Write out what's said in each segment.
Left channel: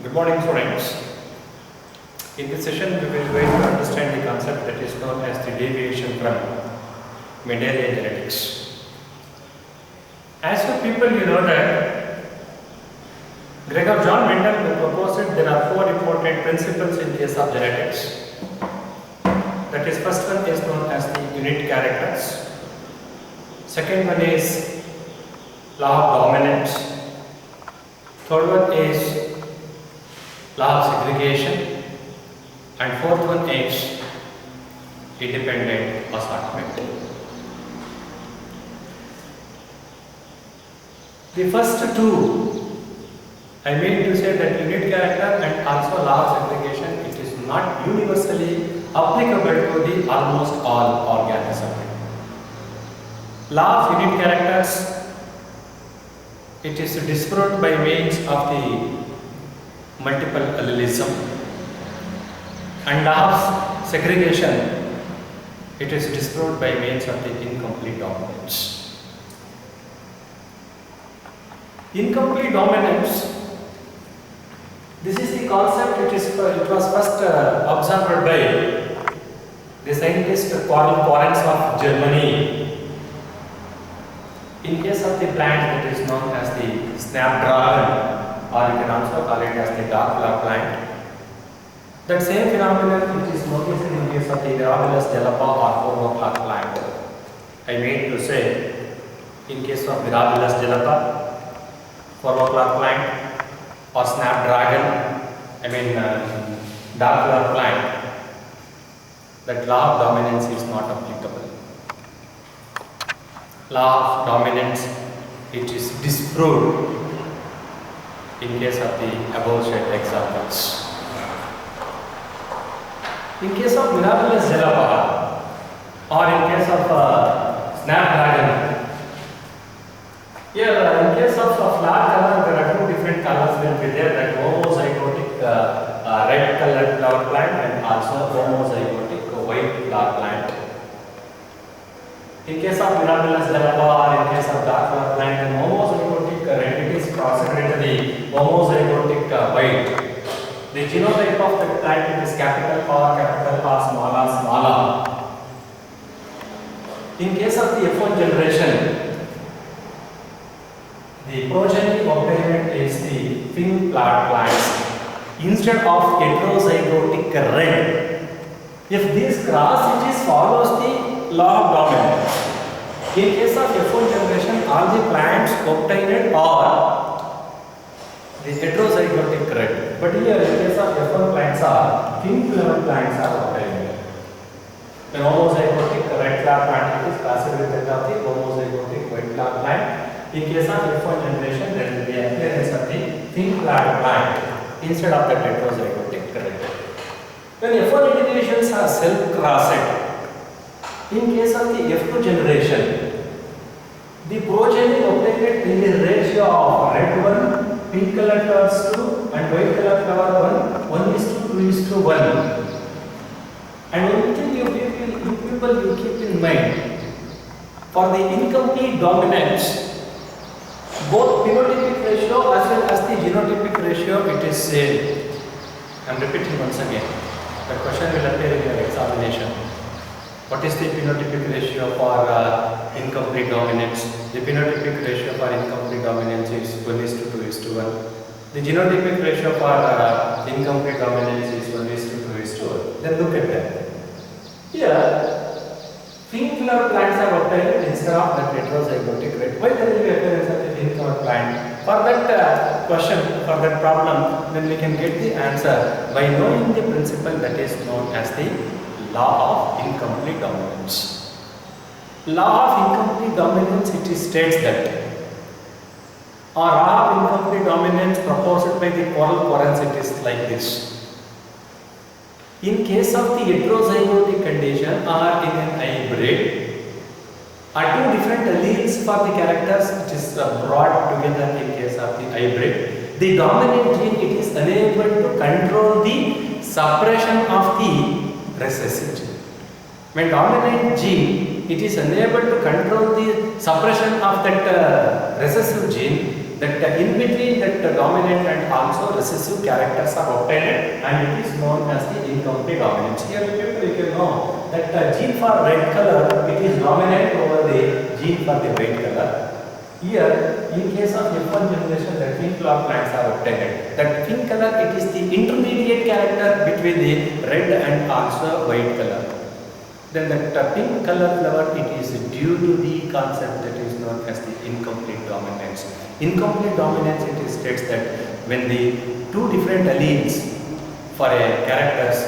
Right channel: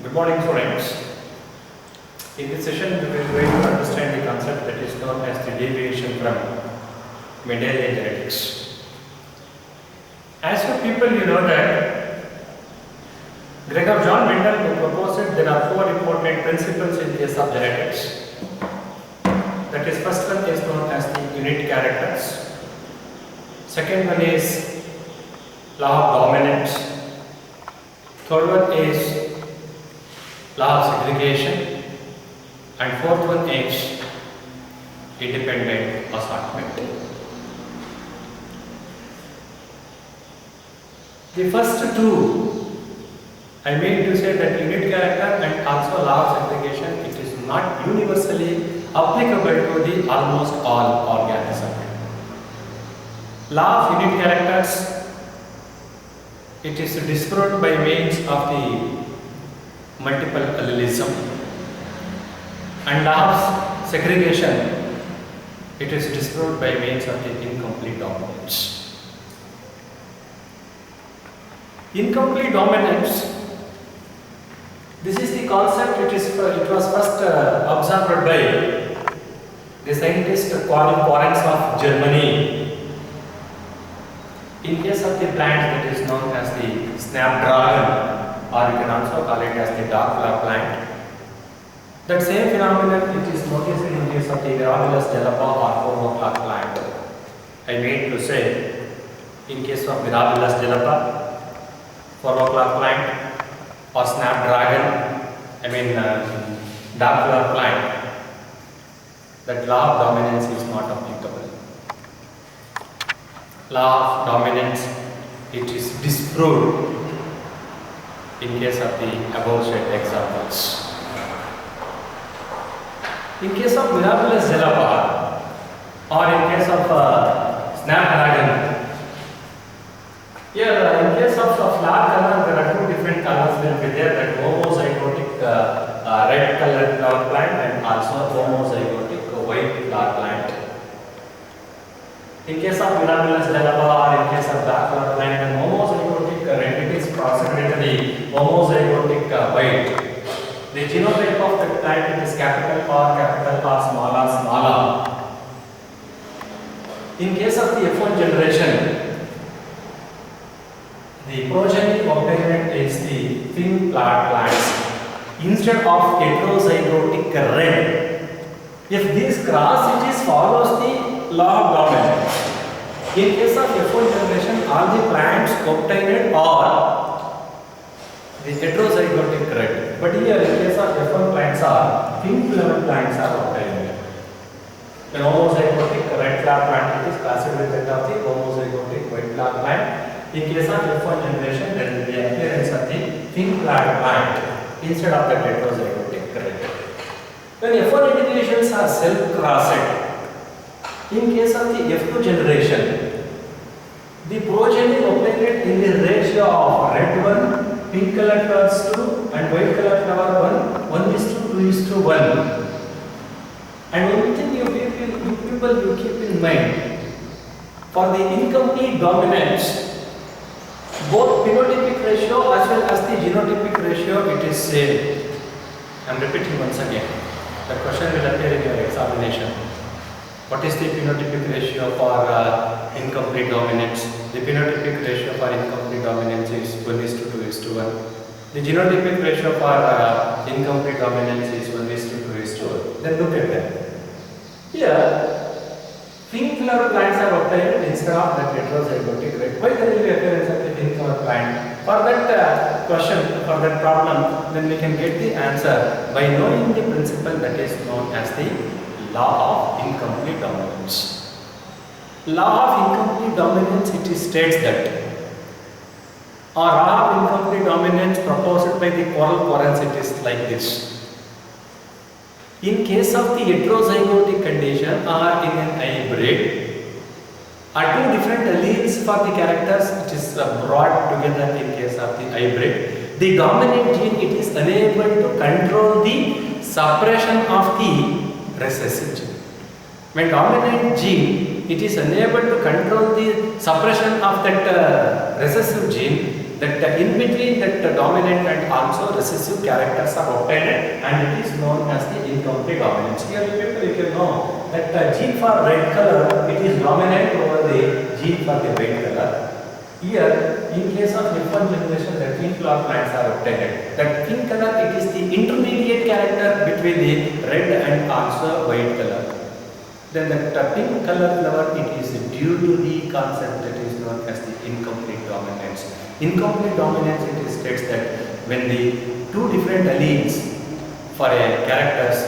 Good morning, students. In this session, we will going to understand the concept that is known as the deviation from Mendelian genetics. As you people, you know that Gregor John Mendel who proposed it, there are four important principles in case of genetics. That is, first one is known as the unit characters. Second one is law of dominance. Third one is law of segregation, and fourth one is independent assortment. The first two, I mean to say that unit character and also law of segregation, it is not universally applicable to the almost all organisms. Law of unit characters, it is disproved by means of the multiple allelism, and law of segregation, it is disproved by means of the incomplete dominance. Incomplete dominance, this is the concept, it was first observed by the scientist Quarens of Germany. In case of the plant that is known as the snapdragon, or you can also call it as the dark flower plant. That same phenomenon it is noticed in case of the Mirabilis jalapa or 4 o'clock plant. I mean to say, in case of Mirabilis jalapa, 4 o'clock plant or snapdragon, dark flower plant, that law of dominance is not applicable. Law of dominance, it is disproved in case of the above said examples. In case of Mirabilis jalapa or in case of snapdragon, here in case of flower color, there are two different colors will be there, that homozygotic red colored flower plant and also homozygotic white flower plant. In case of Mirabilis jalapa or in case of dark flower plant, then homozygotic red, it is crossed into the homozygotic white. The genotype of the plant, it is capital R, small r, small r. In case of the F1 generation, the progeny obtained is the thin flower plants instead of heterozygotic red. If this cross, it is follows the law of dominance. In case of F1 generation, all the plants obtained are the heterozygotic red. But here, in case of F1 plants are thin flower plants are obtained. The homozygotic red flower plant, it is classed with that of the homozygotic white flower plant. In case of F1 generation, there will be appearance of the thin flower plant instead of the heterozygotic red. When F1 individuals are self-crossed, in case of the F2 generation, the progeny obtained in the ratio of red 1, pink colored flowers 2 and white colored flower 1 is to 2 is to 1. And one thing you people keep in mind, for the incomplete dominance, both phenotypic ratio as well as the genotypic ratio, it is same. I am repeating once again. The question will appear in your examination. What is the phenotypic ratio for incomplete dominance? The phenotypic ratio for incomplete dominance is 1 is to 2 is to 1. The genotypic ratio for incomplete dominance is 1 is to 2 is to 1. Then look at that. Here, pink flower plants are obtained instead of that heterozygotic red. Why there will be appearance of the pink flower plant? For that question, for that problem, then we can get the answer by knowing the principle that is known as the law of incomplete dominance. Law of incomplete dominance, it states that, or law of incomplete dominance proposed by the Quarens, it is like this. In case of the heterozygotic condition or in an hybrid, are two different alleles for the characters, it is brought together in case of the hybrid. The dominant gene, it is unable to control the suppression of the recessive gene. When dominant gene it is unable to control the suppression of that recessive gene, that in between that dominant and also recessive characters are obtained, and it is known as the incomplete dominance. Here you can know that gene for red color, it is dominant over the gene for the white color. Here, in case of F1 generation, the pink flower plants are obtained. That pink color, it is the intermediate character between the red and also white color. Then that pink color flower, it is due to the concept that is known as the incomplete dominance. Incomplete dominance, it states that when the two different alleles for a characters,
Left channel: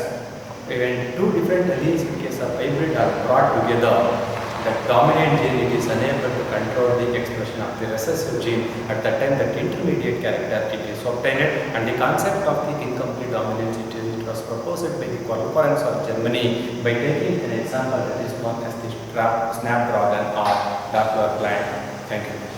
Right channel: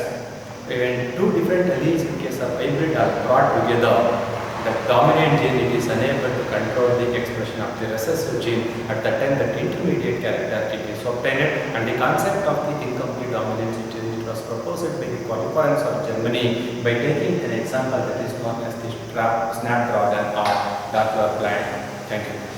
when two different alleles in case of hybrid are brought together, the dominant gene, it is unable to control the expression of the recessive gene. At that time, that intermediate character, it is obtained, and the concept of the incomplete dominance, it was proposed by the Conference of Germany by taking an example that is known as the snapdragon or Doppler plant. Thank you.